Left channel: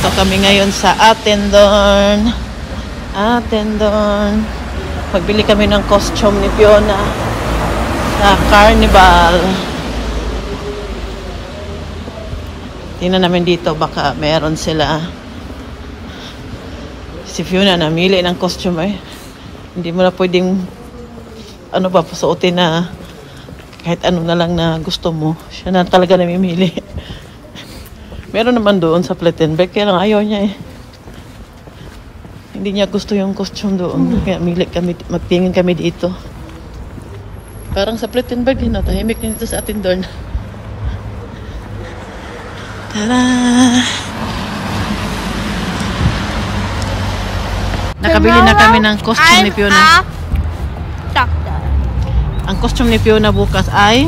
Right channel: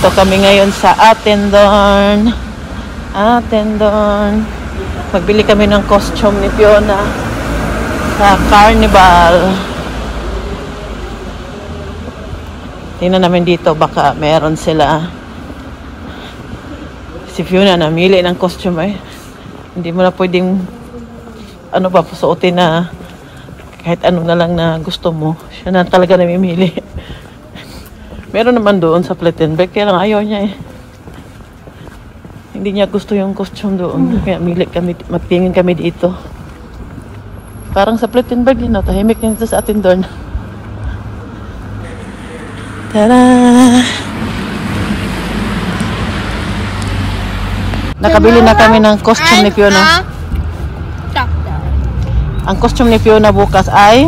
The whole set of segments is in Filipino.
Dito kami ngayon sa Attendorn. Magbili kami ng costume ni Fiona sa Carnival. Tingnan namin dito, baka meron sila. Si Fiona namili ng costume eh. Hindi mo na pwedeng pasuotin na kahit ano na lang na gusto mo. Siya na talaga namimili. Meron naman doon sa Plettenberg, kaya lang ayaw niya eh. Hindi niya gusto yung costume doon. Kaya magtingin kami dito. Parang sa Plettenberg yun, tahimik na dito sa Attendorn. Tada! Nakabili na kami ng costume ni Fiona. Doctor. Ang costume ni Fiona bukas ay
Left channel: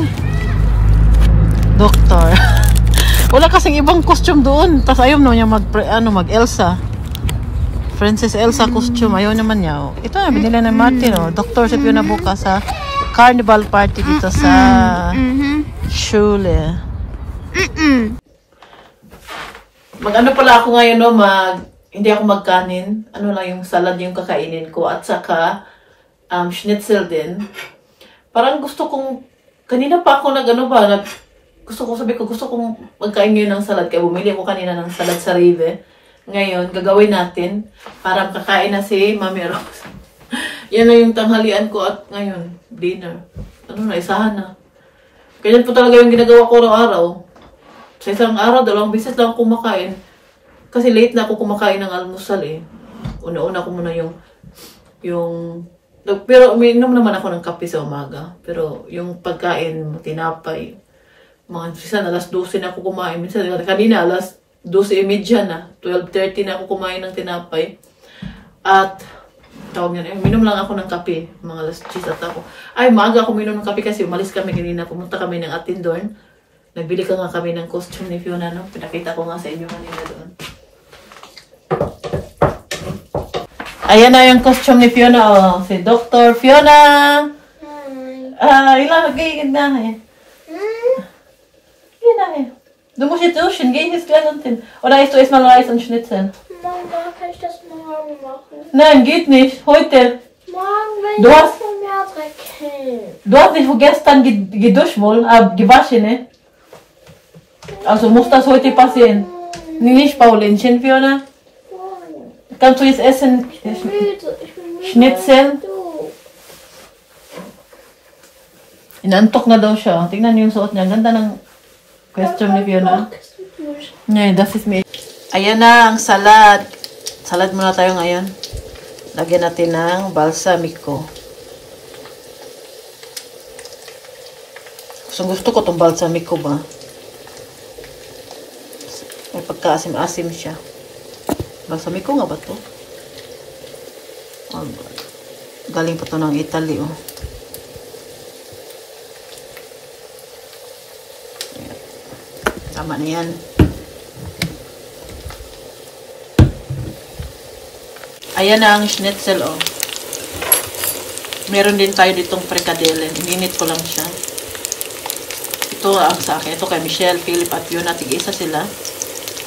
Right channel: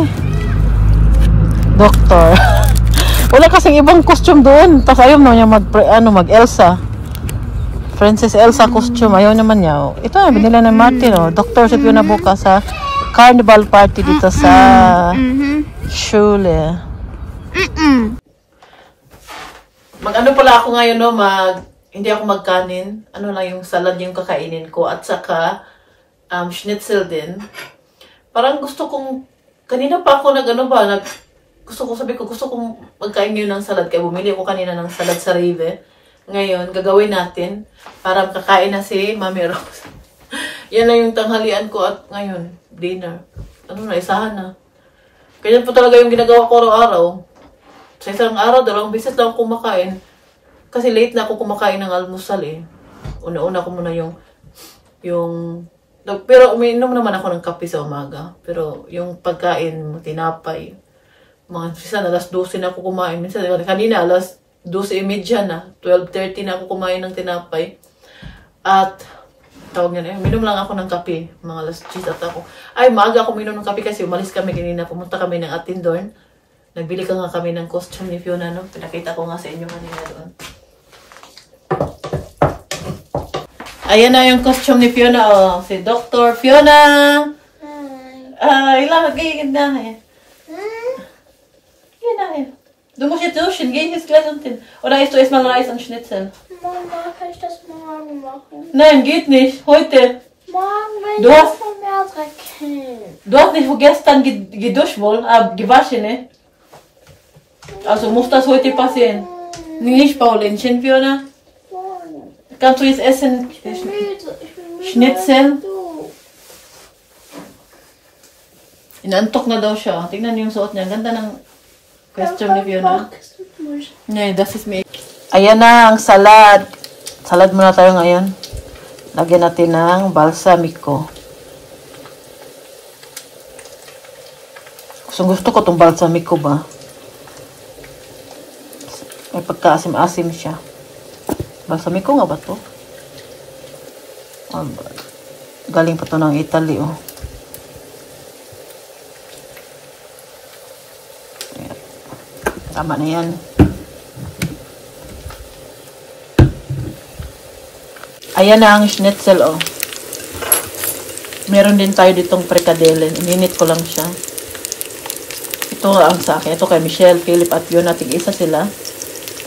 Doctor. Wala kasing ibang costume doon. Tapos ayaw naman niya mag-Elsa. Princess Elsa costume. Ayaw naman niya. Ito na, binila ng Martin. Doctor si Fiona bukas sa carnival party dito sa Schule. Mag-ano pala ako ngayon, hindi ako magkanin. Ano lang yung salad yung kakainin ko. At saka, schnitzel din. Parang gusto kong, kanina pa ako gusto kong magkain ngayon ng salad. Kaya bumili ako kanina ng salad sa Rive. Ngayon, gagawin natin. Parang kakain na si Mami Rose. Yan na yung tanghalian ko at ngayon, dinner. Isahan na. Ganyan po talaga yung ginagawa ko araw-araw. Sa isang araw, 2 beses lang ako kumakain. Kasi late na ako kumakain ng almusal eh. Una-una ko muna pero umiinom naman ako ng kape sa umaga. Pero yung pagkain, tinapay. Minsan alas 12 na ako kumain. Minsan kanina alas 12:30 na. 12:30 na ako kumain ng tinapay. At minum lang ako ng kape. Mga alas 10 at ako. Maaga ako minum ng kape kasi umalis kami kanina. Pumunta kami ng Attendorn. Nagbili ka nga kami ng costume ni Fiona, no? Pinakita ko nga sa inyo kanina doon. Ayan na yung costume ni Fiona, si Dr. Fiona! Hi! Ilagay na eh. Du musst jetzt duschen, geh jetzt gleich unten. Oder isst du erstmal Reis und Schnitzel? Mama, kann ich das morgen machen? Nein, geht nicht. Heute. Morgen will ich das mehr trecken. Du hast nicht gestern geduscht wohl, gewaschen, ne? Also muss das heute passieren. Nicht, Paulinchen, Fiona? Kannst du jetzt essen? Ich bin müde. Schnitzel? Inantok na daw siya. Tingnan niyo yung suot niya. Ganda ng costume ni Fiona. Yeah, das ist me. Ayan na ang salad. Salad muna tayo ngayon. Lagyan natin ng balsamico. Gusto ko itong balsamico ba? May pagkaasim-asim siya. Balsamico nga ba ito? Galing pa ito ng Italy, oh. Tama na yan. Ayan na ang schnitzel, oh. Meron din tayo ditong frikadellen. Ininit ko lang siya. Ito ang sa akin. Ito kay Michelle, Philip at Fiona. Tig-isa sila.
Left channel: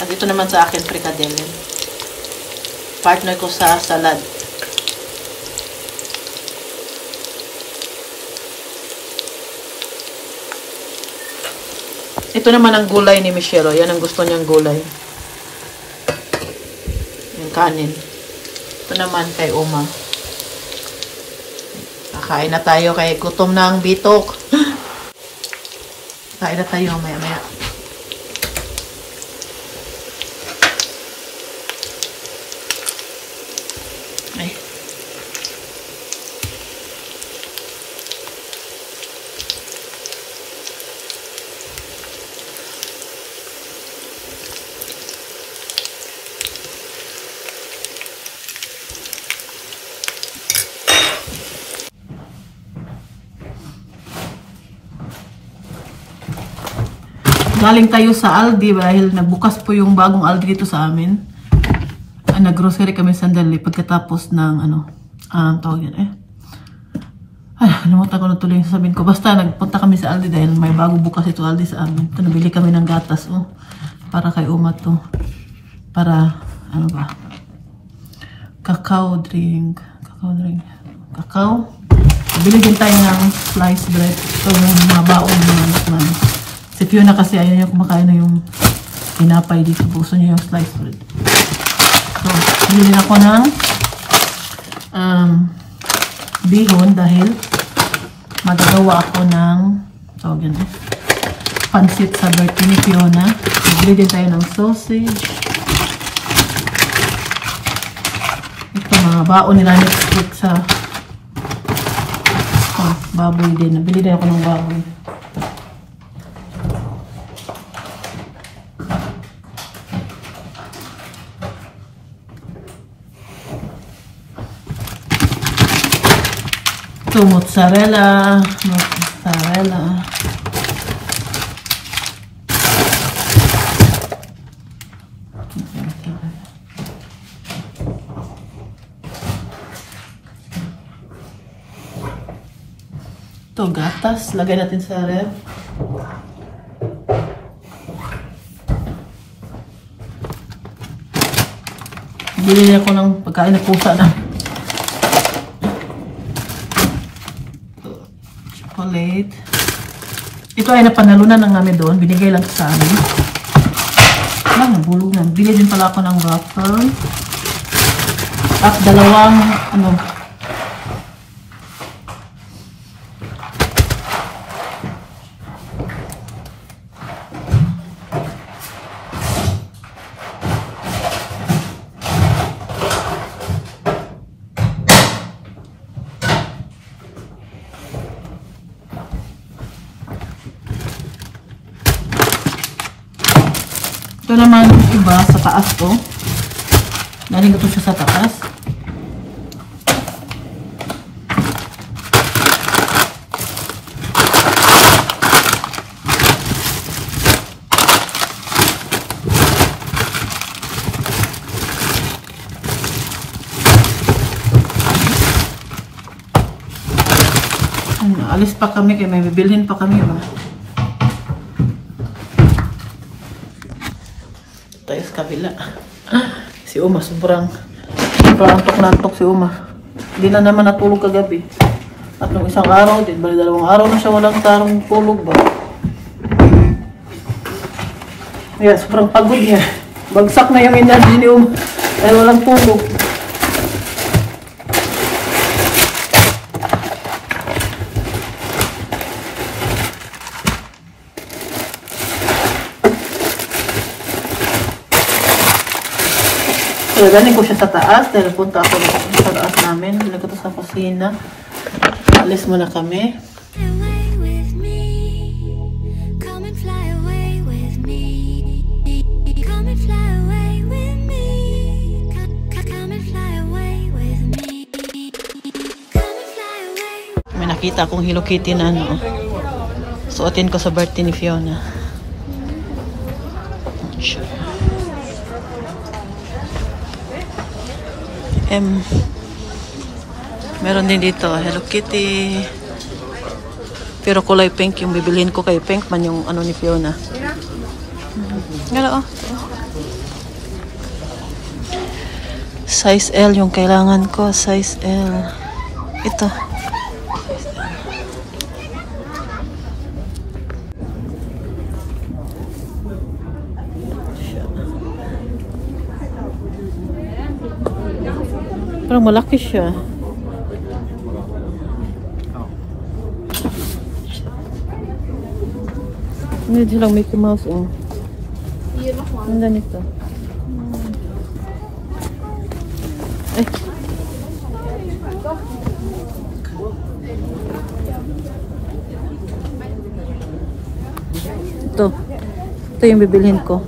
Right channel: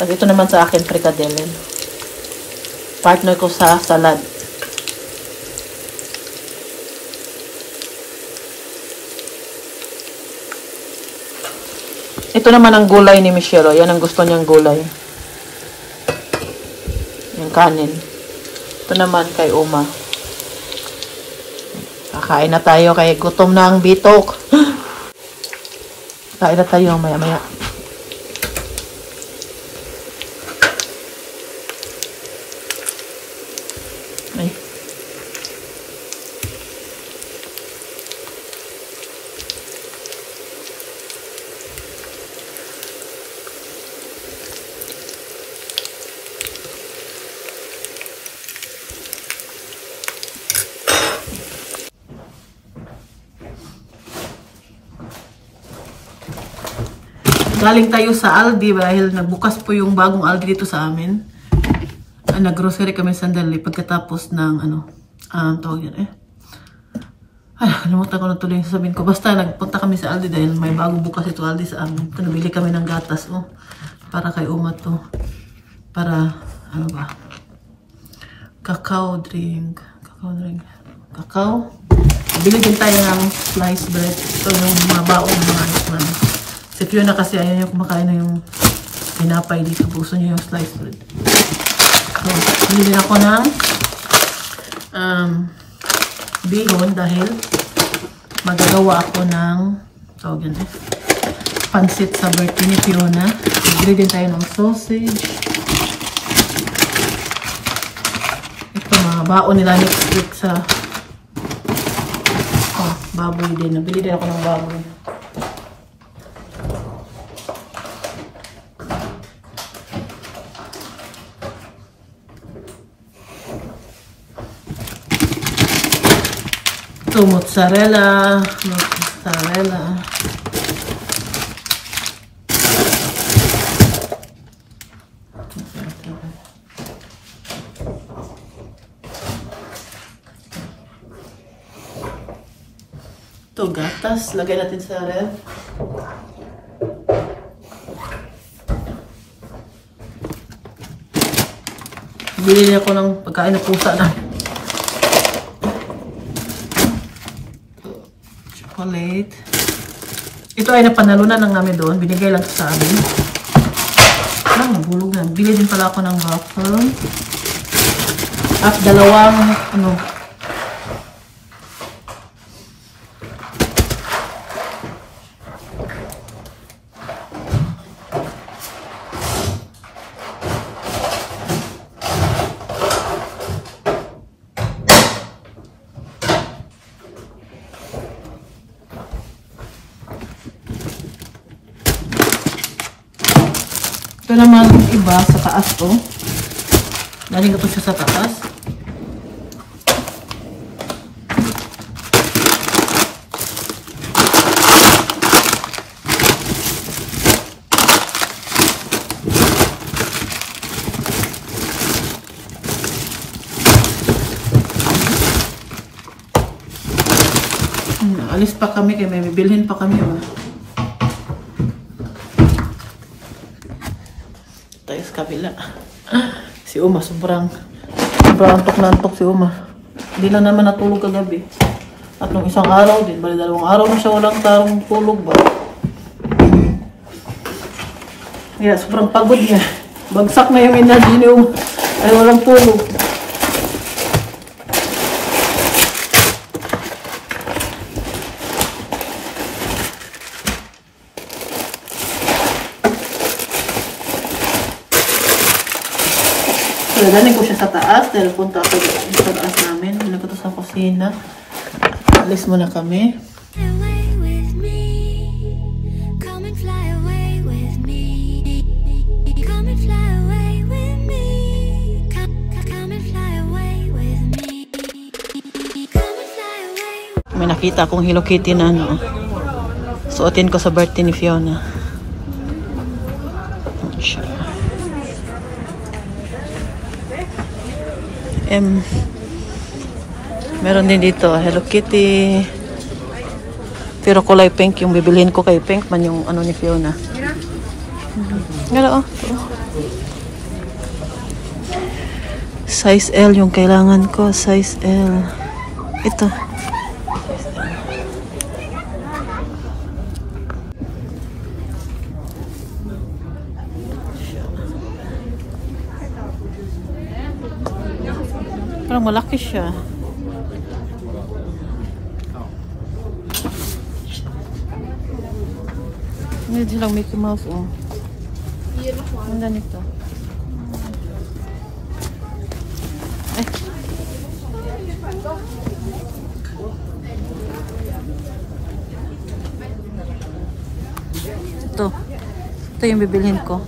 At ito naman sa akin, frikadellen. Partner ko sa salad. Ito naman ang gulay ni Michelle. Yan ang gusto niyang gulay. Yung kanin. Ito naman kay Uma. Kakain na tayo kay gutom na ang bitok. Kain na tayo maya-maya. Ay. Galing tayo sa Aldi dahil nagbukas po yung bagong Aldi dito sa amin. Nag-grocery kami sandali pagkatapos ng tawag yan eh. Nalimutan ko na tuloy yung sabihin ko. Basta nagpunta kami sa Aldi dahil may bagong bukas ito Aldi sa amin. Ito, nabili kami ng gatas, oh. Para kay Uma to. para, ano ba? Cacao drink. Cacao. Bili din tayo ng sliced bread. Ito yung mga baon ng anak man. Si Fiona kasi ayaw niya kumakain na yung pinapay dito. Gusto niya yung sliced bread. So, bili din ako ng bihon dahil magagawa ako ng pansit sa birthday ni Fiona. Bili din tayo ng sausage. Ito mga baon nila next week sa baboy din. Nabili din ako ng baboy. Ito, mozzarella. Ito, gatas. Lagay natin sa ref. Bili ako ng pagkain na pusa na. Chocolate. Ito ay napanalunan ng namin doon. Binigay lang sa amin. Nabulog na. Bili din pala ako ng waffle. At dalawang, ito naman yung iba sa taas to. Galing ito siya sa taas. Alis pa kami kaya may bibilhin pa kami. Tayo sa kabila. Si Uma, sobrang antok na antok si Uma. Hindi na naman natulog kagabi. At nung isang araw din, bali 2 araw na siya walang tarong tulog ba. Kaya sobrang pagod niya. Bagsak na yung energy ni Uma. Kaya walang tulog. So, galing ko siya sa taas dahil punta ako sa taas namin. Bilang ko sa kusina. Alis muna kami. May nakita akong Hello Kitty na suotin ko sa birthday ni Fiona. Meron din dito Hello Kitty, pero kulay pink yung bibilhin ko. Kay pink man yung ni Fiona. Ngala size L yung kailangan ko, size L. Ito size L. Parang malaki siya. Hindi silang Mickey Mouse, Ang ganito. Ito yung bibilhin ko.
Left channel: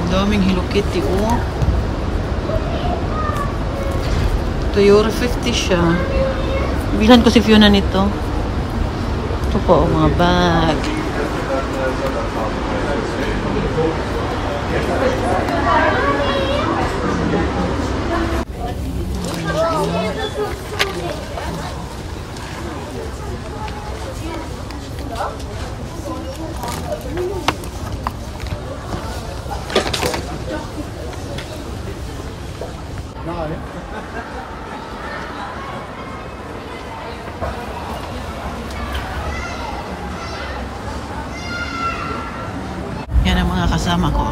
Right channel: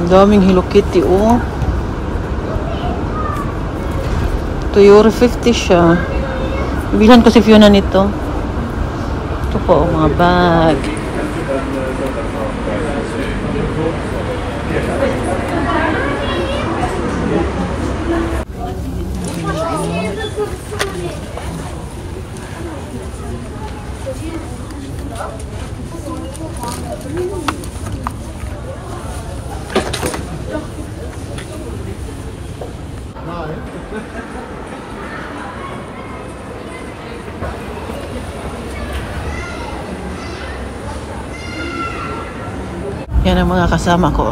Ang daming Hello Kitty, Ito euro 50 siya. Bibilhan ko si Fiona nito. Ito po, mga bag. kami ng mga kasama ko.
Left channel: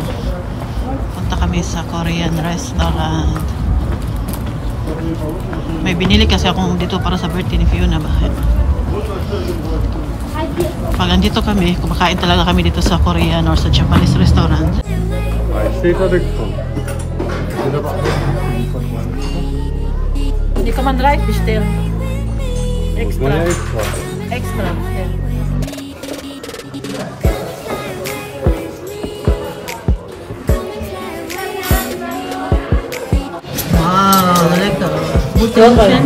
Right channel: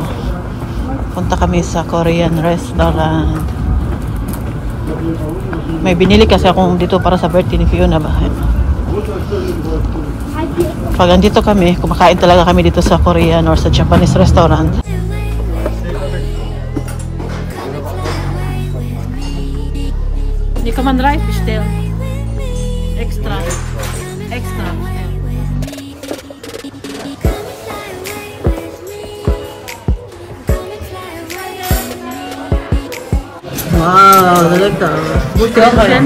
Punta kami sa Korean restaurant. May binili kasi akong dito para sa birthday ni Fiona. Bakit? Pag andito kami, kumakain talaga kami dito sa Korean or sa Japanese restaurant. Hindi ka man rice, Steve. Extra. Extra. Wow, talaga. Buti lang kaya.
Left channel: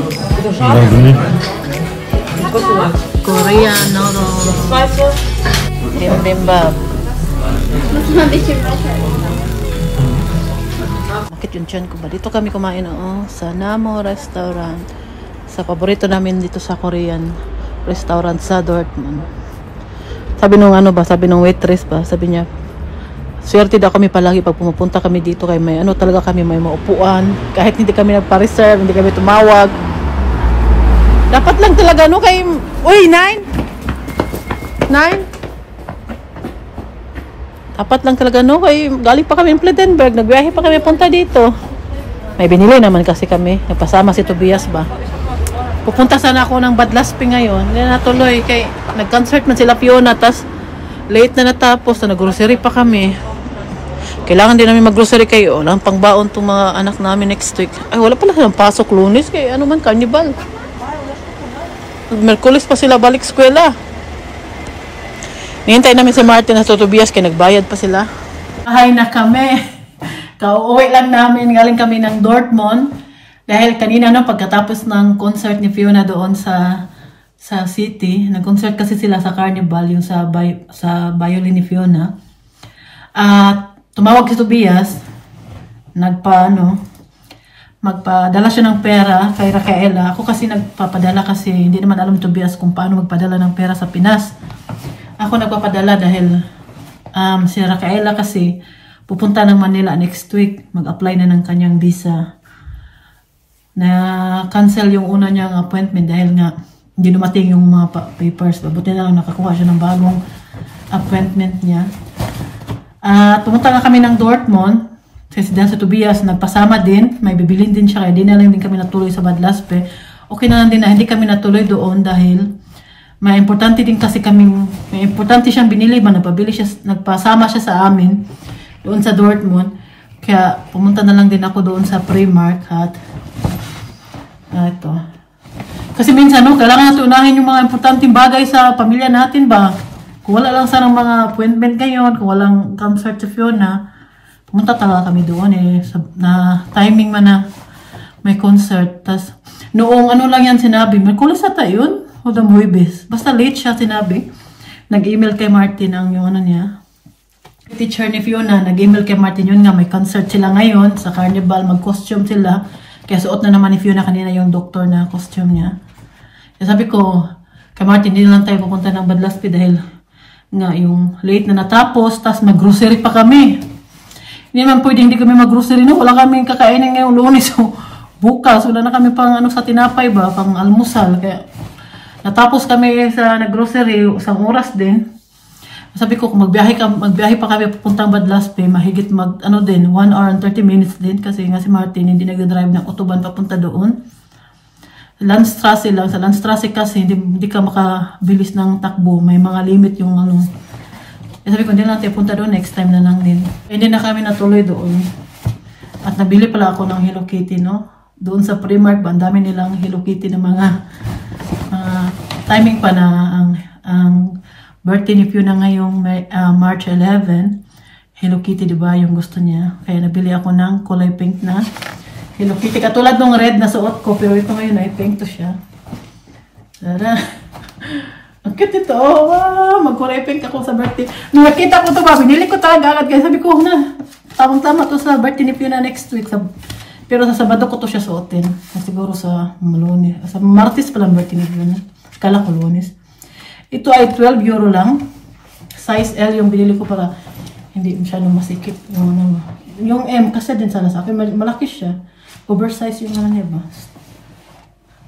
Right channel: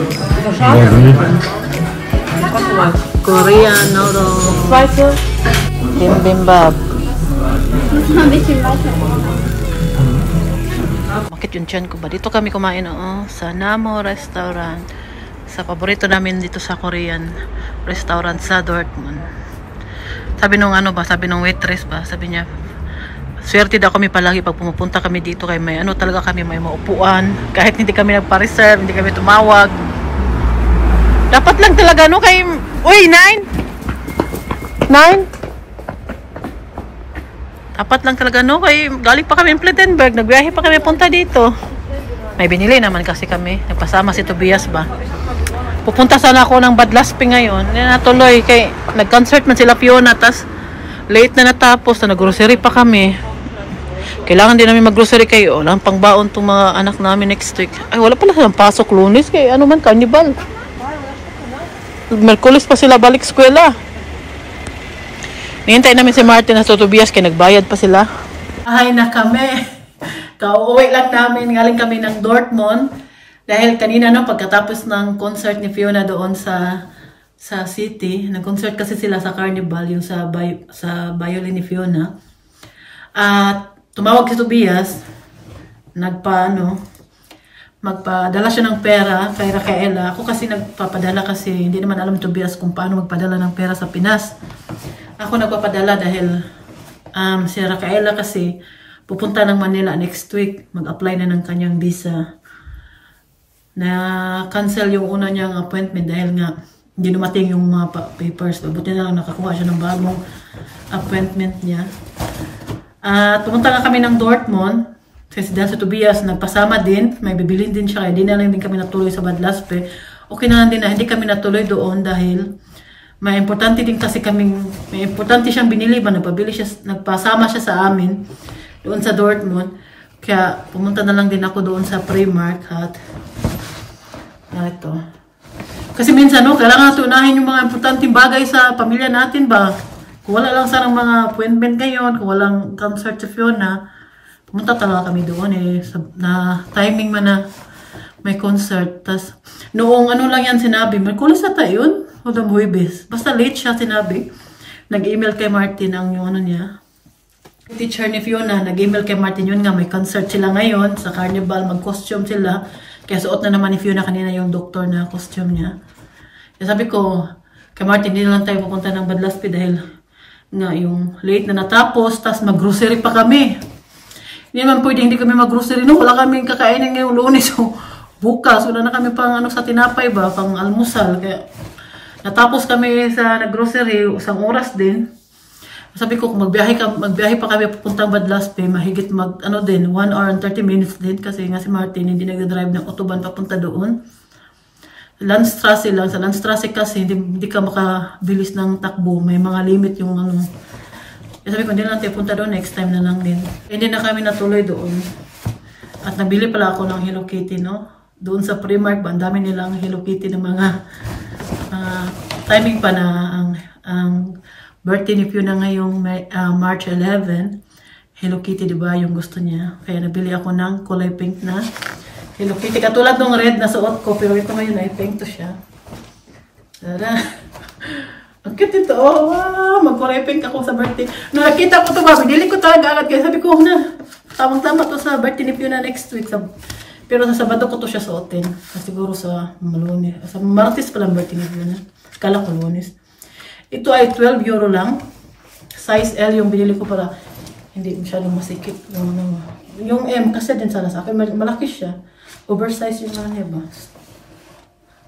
Korean noodles. Bibimbap. Bakit yung tiyan ko ba? Dito kami kumain sa Namo Restaurant. Sa paborito namin dito sa Korean restaurant sa Dortmund. Sabi nung sabi nung waitress ba, sabi niya, swerte daw kami palagi pag pumupunta kami dito kay may talaga kami may maupuan. Kahit hindi kami nagpa-reserve, hindi kami tumawag. Dapat lang talaga kay uy, 9? Dapat lang talaga kay galing pa kami in Plettenberg, nagbiyahe pa kami punta dito. May binili naman kasi kami, nagpasama si Tobias ba. Pupunta sana ako ng Badlaspi ngayon. Hindi natuloy kay nag-concert man sila Fiona, tas late na natapos, na nag-grocery pa kami. Kailangan din namin mag-grocery kayo. Lang pangbaon tong mga anak namin next week. Ay, wala pala silang pasok Lunes kay carnival. Merkulis pa sila balik eskwela. Hintay namin si Martin at Tobias kay nagbayad pa sila. Ahay na kami. Kauuwi lang namin. Galing kami ng Dortmund. Dahil kanina pagkatapos ng concert ni Fiona doon sa city, nag-concert kasi sila sa carnival, yung sa violin ni Fiona. At tumawag si Tobias, magpadala siya ng pera kay Raquela. Ako kasi nagpapadala kasi hindi naman alam ni Tobias kung paano magpadala ng pera sa Pinas. Ako nagpapadala dahil si Raquela kasi pupunta ng Manila next week, mag-apply na ng kanyang visa. Na-cancel yung una niyang appointment dahil nga hindi dumating yung mga papers. Buti na lang nakakuha siya ng bagong appointment niya. Pumunta na kami ng Dortmund. Kasi dahil sa Tobias, nagpasama din. May bibilin din siya. Kaya hindi na lang din kami natuloy sa Badlaspe. Okay na lang din na hindi kami natuloy doon dahil may importante din kasi may importante siyang binili ba. Nagpasama siya sa amin doon sa Dortmund. Kaya pumunta na lang din ako doon sa Primark at ito. Kasi minsan kailangan natin unahin yung mga importanteng bagay sa pamilya natin ba. Kung wala lang sanang mga appointment ngayon, kung walang concert si Fiona, pumunta talaga kami doon na timing man na may concert. Tas noong lang yan sinabi, Merkulis ata yun o the Muibes. Basta late siya sinabi. Nag-email kay Martin yung niya. Teacher ni Fiona, nag-email kay Martin yun nga, may concert sila ngayon sa carnival, mag-costume sila. Kaya suot na naman ni Fiona kanina yung doktor na costume niya. Kaya sabi ko, kay Martin, hindi lang tayo pupunta ng Badlaspi dahil nga yung late na natapos, tas mag-grocery pa kami. Hindi naman pwede hindi kami mag-grocery, wala kami kakainin ngayong Lunes. So, bukas, wala na kami pang sa tinapay ba, pang almusal. Kaya natapos kami sa nag-grocery, isang oras din. Sabi ko, kung magbiyahe pa kami pupuntang Badlaspe, mahigit 1 hour and 30 minutes din. Kasi nga si Martin, hindi nag-drive ng autobahn papunta doon. Landstrasse lang. Sa Landstrasse kasi, hindi ka makabilis ng takbo. May mga limit yung Sabi ko, hindi lang tayo punta doon. Next time na lang din. Hindi na kami natuloy doon. At nabili pala ako ng Hello Kitty, Doon sa Primark ba, ang dami nilang Hello Kitty ng mga timing pa na ang birthday ni Fiona ngayong March 11. Hello Kitty, diba? Yung gusto niya. Kaya nabili ako ng kulay pink na Hello Kitty. Katulad ng red na suot ko. Pero ito ngayon ay pink to siya. Tara. Ang cute ito. Oh, wow. Magkulay pink ako sa birthday. Nung nakita ko ito ba, binili ko talaga agad. Kaya sabi ko, tamang-tama to sa birthday ni Fiona next week. Pero sa Sabado ko to siya suotin. Siguro sa Lunes. Sa Martes pa lang birthday ni Fiona. Kala ko Lunes. Ito ay 12 euro lang. Size L yung binili ko para hindi masyadong masikip. Yung M kasi din sana sa akin. Malaki siya. Oversize yung niya ba?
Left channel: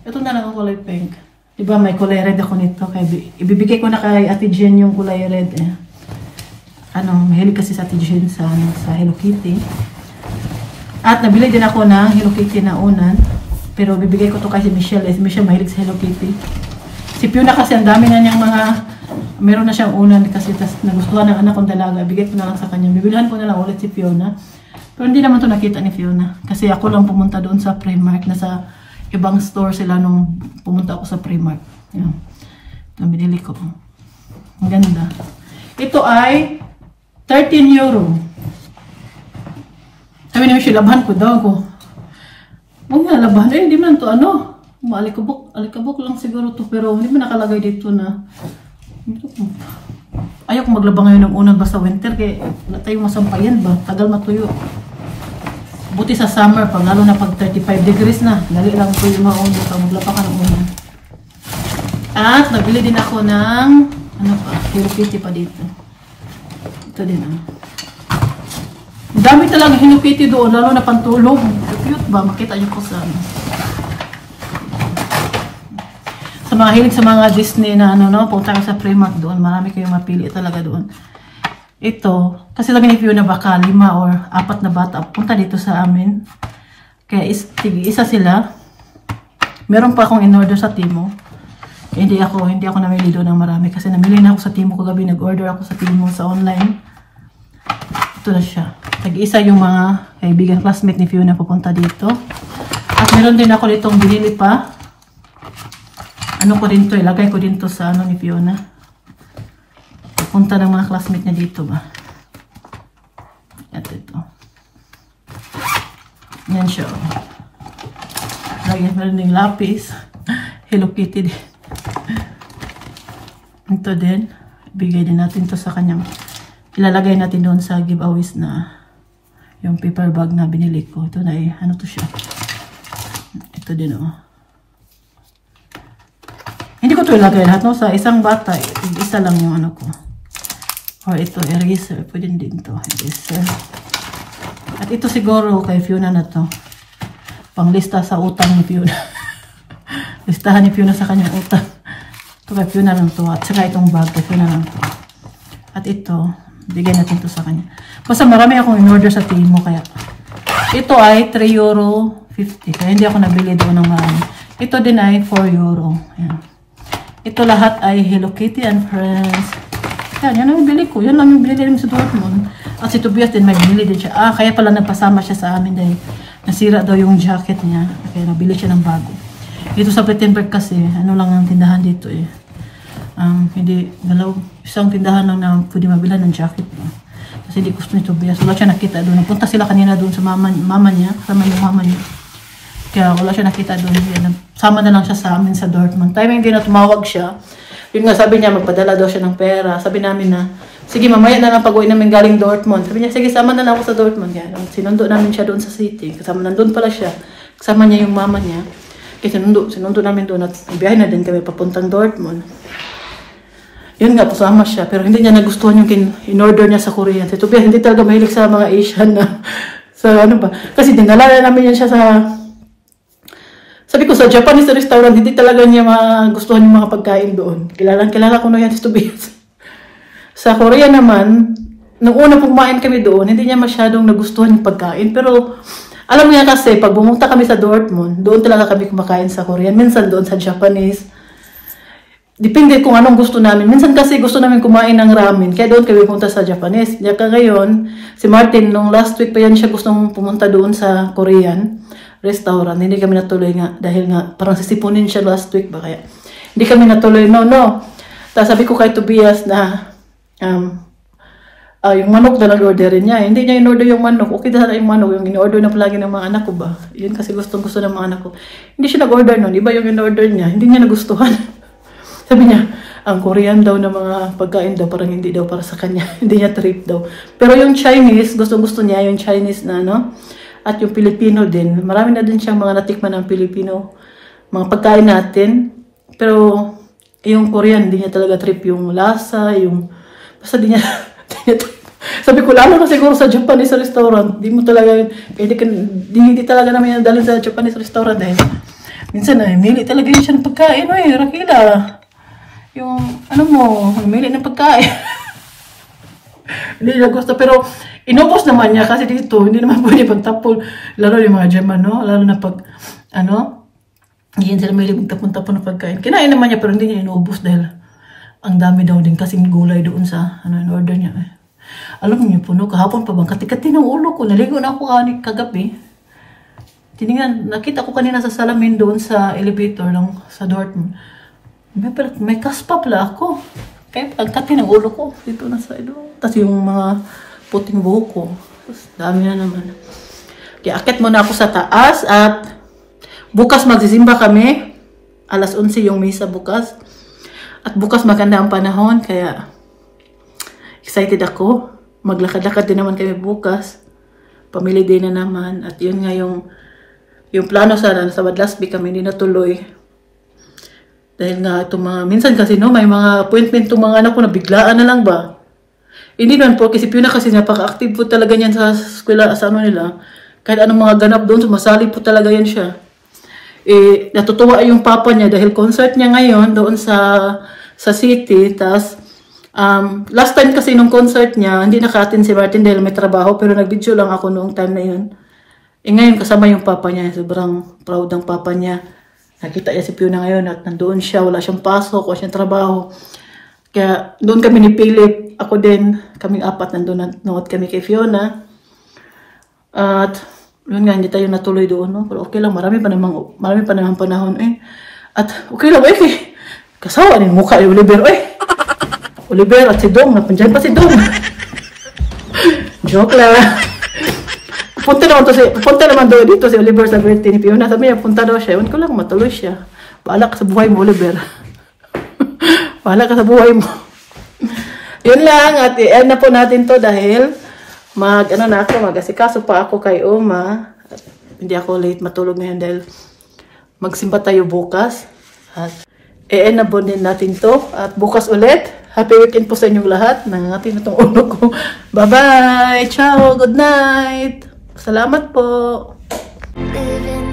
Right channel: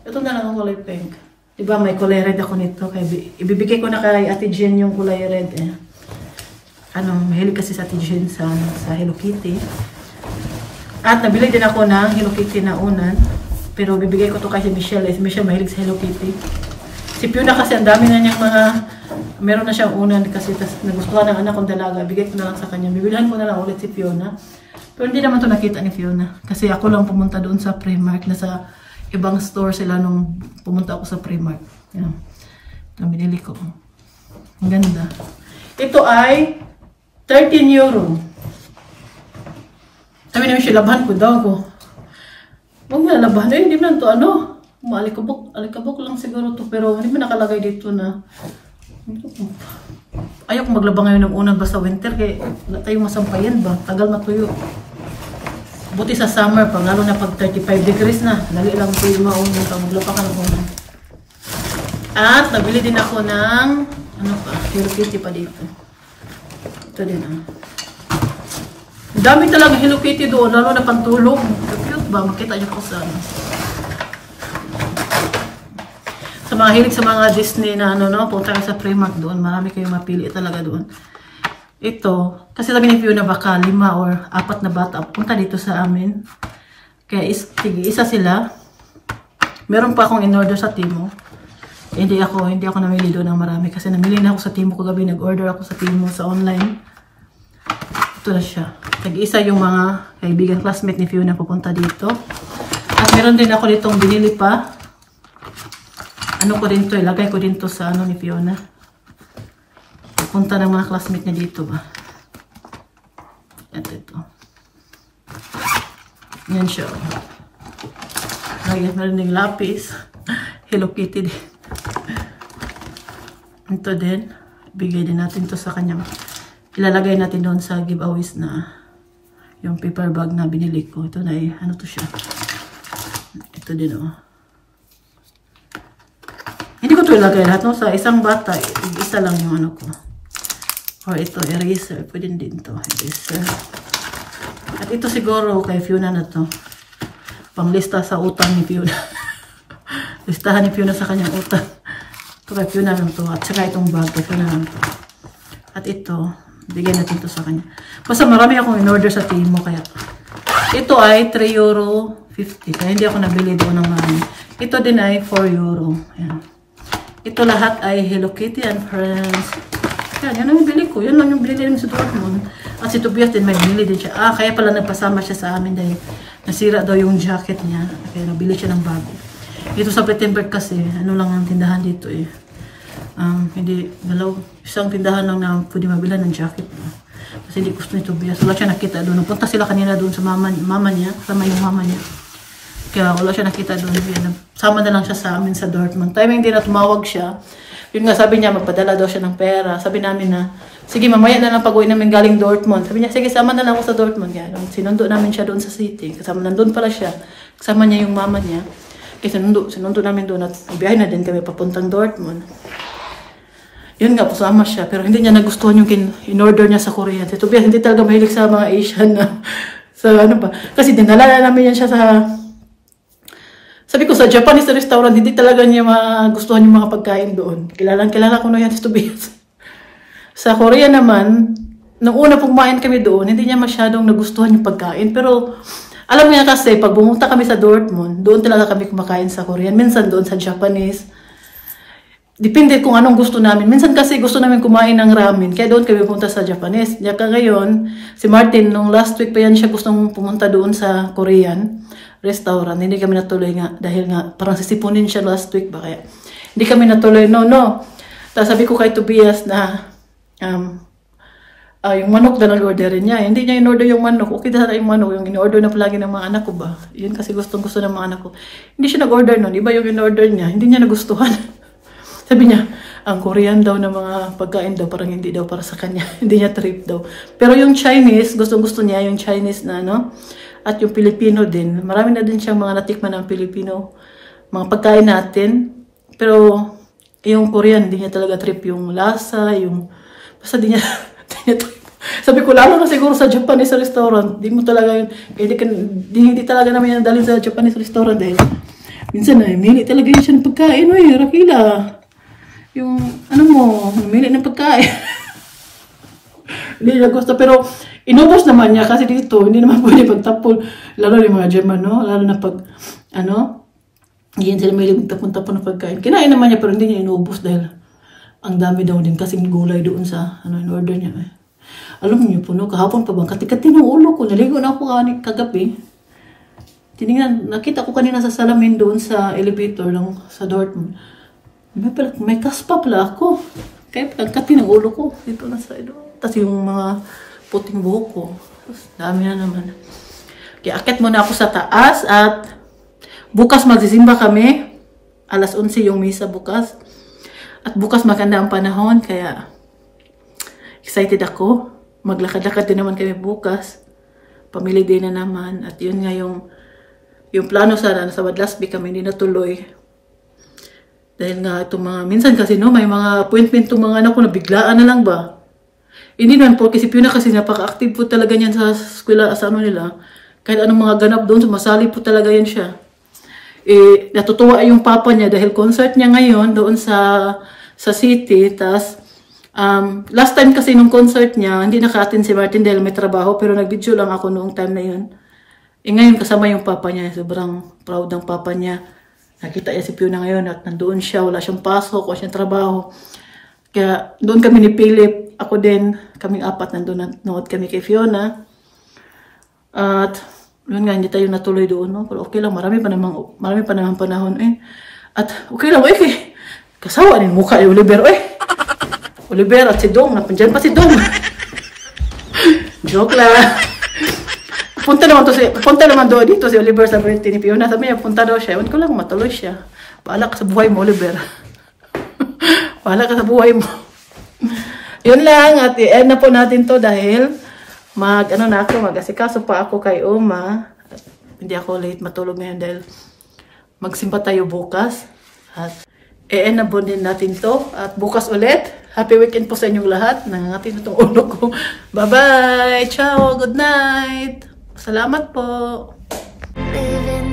Ito na lang ang kulay pink. Diba may kulay red ako nito. Kaya ibibigay ko na kay Ate Jen yung kulay red. mahilig kasi sa Ate Jen sa Hello Kitty. At nabili din ako ng Hello Kitty na unan. Pero bibigay ko to kay si Michelle. Si Michelle mahilig sa Hello Kitty. Si Fiona kasi ang dami na niyang mga, meron na siyang unan kasi nagustuhan ng anak kong dalaga. Bigay ko na lang sa kanya. Bibilihan ko na lang ulit si Fiona. Pero hindi naman to nakita ni Fiona. Kasi ako lang pumunta doon sa Primark. Nasa ibang store sila nung pumunta ako sa Primark. Yan. Ito binili ko. Ang ganda. Ito ay 13 euro. Sabi namin siya, labahan ko daw ko. Huwag nga, labahan. Hindi mo lang ito, alikabok lang siguro to. Pero hindi mo nakalagay dito na. Ayaw ko maglaba ngayon ng unang basta winter. Kaya wala tayong masampayan ba? Tagal matuyo. Buti sa summer pa, lalo na pag 35 degrees na. Dali lang po yung maunang pag maglaba ka ng unang. At nabili din ako ng, Hello Kitty pa dito. Ito din dami talaga Hello Kitty doon, lalo na pantulog. Cute ba? Makita niyo po sa mga hilig sa mga Disney na punta kayo sa Primark doon. Marami kayong mapili talaga doon. Ito, kasi sabi ni Fiona baka 5 or 4 na bata punta dito sa amin. Kaya isa sila. Meron pa akong in-order sa Timo. Hindi ako namili doon ng marami kasi namili na ako sa Timo kagabi. Nag-order ako sa Timo sa online. Ito na siya. Tag-isa yung mga kaibigan classmate ni Fiona pupunta dito. At meron din ako ditong binili pa. Ilagay ko din to sa ni Fiona. Punta ng mga classmate niya dito ba. At ito. Yan siya. Lagyan meron din lapis. Hello Kitty din. Ito din. Bigay din natin to sa kanyang. Ilalagay natin doon sa giveaways na yung paper bag na binili ko. Ito na to siya. Ito din Hindi ko ito ilagay lahat sa isang bata. Isa lang yung ko. Or ito, eraser. Pwede din to. Eraser. At ito siguro kay Fiona na to. Panglista sa utang ni Fiona. Listahan ni Fiona sa kanyang utang. Ito kay Fiona lang to. At saka itong bag kay Fiona lang to. At ito, bigyan natin to sa kanya. Basta marami akong in-order sa Timo. Kaya ito ay 3 euro 50. Kaya hindi ako nabili doon ng marami. Ito din ay 4 euro. Yan. Ito lahat ay Hello Kitty and Friends. Yan ang bili ko. Yan lang yung bili din sa Dortmund. At si Tobias din may bili din siya. Kaya pala nagpasama siya sa amin dahil nasira daw yung jacket niya. Kaya nabili siya ng bago. Dito sa Plettenberg kasi, lang ang tindahan dito hindi, isang tindahan lang na pwede mabilan ng jacket niya. Kasi hindi gusto ni Tobias. Wala siya nakita doon. Napunta sila kanina doon sa mama niya. Kasama yung mama niya. Kaya wala siya nakita doon. Sama na lang siya sa amin sa Dortmund. Timing din na tumawag siya. Yung nga sabi niya, magpadala daw siya ng pera. Sabi namin na, sige mamaya na lang pag-uwi namin galing Dortmund. Sabi niya, sige sama na lang ako sa Dortmund. Kaya sinundo namin siya doon sa city. Kasama nandun pala siya. Kasama niya yung mama niya. Kaya sinundo namin doon at biyahe na din kami papuntang Dortmund. Yun nga, pasama siya. Pero hindi niya nagustuhan yung in-order niya sa Korean. Si Tobias, hindi talaga mahilig sa mga Asian na, sa Kasi dinalala namin yan siya sa, sabi ko sa Japanese restaurant, hindi talaga niya magustuhan yung mga pagkain doon. Kilala ko na yan si Tobias. Sa Korea naman, nung una pumain kami doon, hindi niya masyadong nagustuhan yung pagkain. Pero, alam niya kasi, pag bumunta kami sa Dortmund, doon talaga kami kumakain sa Korean. Minsan doon sa Japanese. Depende kung anong gusto namin. Minsan kasi gusto namin kumain ng ramen. Kaya doon kami pumunta sa Japanese. Kaya ngayon, si Martin, nung last week pa yan siya gustong pumunta doon sa Korean restaurant. Hindi kami natuloy nga. Dahil nga, parang sisipunin siya last week ba kaya. Hindi kami natuloy. No. Tapos sabi ko kay Tobias na, yung manok na nag-orderin niya. Hindi niya in-order yung manok. Okay na yung manok. Yung in-order na palagi ng mga anak ko ba. Yun kasi gusto ng mga anak ko. Hindi siya nag-order nun. Iba yung in-order niya. Hindi niya nagustuhan. Sabi niya, ang Korean daw na mga pagkain daw, parang hindi daw para sa kanya. Hindi niya trip daw. Pero yung Chinese, gusto niya yung Chinese na at yung Pilipino din. Marami na din siyang mga natikman ng Pilipino, mga pagkain natin. Pero yung Korean, hindi niya talaga trip yung lasa, basta di niya trip. Sabi ko, lalo na siguro sa Japanese restaurant, hindi talaga namin yung dalhin sa Japanese restaurant dahil minsan mili talaga yun siya ng pagkain. Rakila. Yung, namili ng pagkain. Hindi niya gusto. Pero inubos naman niya kasi dito, hindi naman pwede magtapon. Lalo yung mga German, no? Lalo na pag, hindi sila may magtapon-tapon na pagkain. Kinain naman niya pero hindi niya inubos dahil ang dami daw din kasing gulay doon sa, in order niya. Alam niyo po, no? Kahapon pa bang katikati ng ulo ko. Naligo na ako kagabi. Tinignan, nakita ko kanina sa salamin doon sa elevator lang sa Dortmund. May kaspa pala ako. Kaya ang kati ng ulo ko. Dito na sa ilo. Tapos yung mga puting buhok ko. Dami na naman. Kaya akit muna ako sa taas at bukas magsisimba kami. Alas 11 yung misa bukas. At bukas maganda ang panahon. Kaya excited ako. Maglakad-lakad din naman kami bukas. Family day na naman. At yun nga yung plano sana sa Badlasby kami hindi natuloy. Dahil nga itong mga, minsan kasi no, may mga appointment itong mga anak ko na biglaan na lang ba. Hindi naman po, kasi Fiona kasi napaka-active po talaga niyan sa eskwela, sa ano nila. Kahit anong mga ganap doon, sumasali po talaga yan siya. Natutuwa yung papa niya dahil concert niya ngayon doon sa city. Tas, last time kasi nung concert niya, hindi naka-attend si Martin dahil may trabaho, pero nag-video lang ako noong time na yun. Ngayon kasama yung papa niya, sobrang proud ng papa niya. Nakita niya si Fiona ngayon at nandoon siya, wala siyang pasok, wala siyang trabaho. Kaya doon kami ni Philip, ako din, kaming apat nandoon, nanood kami kay Fiona. At yun nga, hindi tayo natuloy doon, no? Pero okay lang, marami pa naman panahon eh. At okay lang, kasawa rin mukha ni Oliver, Oliver at si Dong, napandiyan pa si Dong. Joke lang. Punta naman dito si Oliver sa birthday ni Fiona. Sabi niya, punta daw siya. Ewan ko lang, matuloy siya. Bahala ka sa buhay mo, Oliver. Bahala ka sa buhay mo. Yun lang. At i-end na po natin to dahil mag-asikaso pa ako kay Oma. At hindi ako late matulog ngayon dahil magsimba tayo bukas. At i-end na po din natin to. At bukas ulit. Happy weekend po sa inyong lahat. Nangangati na itong ulo ko. Bye-bye! Ciao! Good night! Salamat po! Living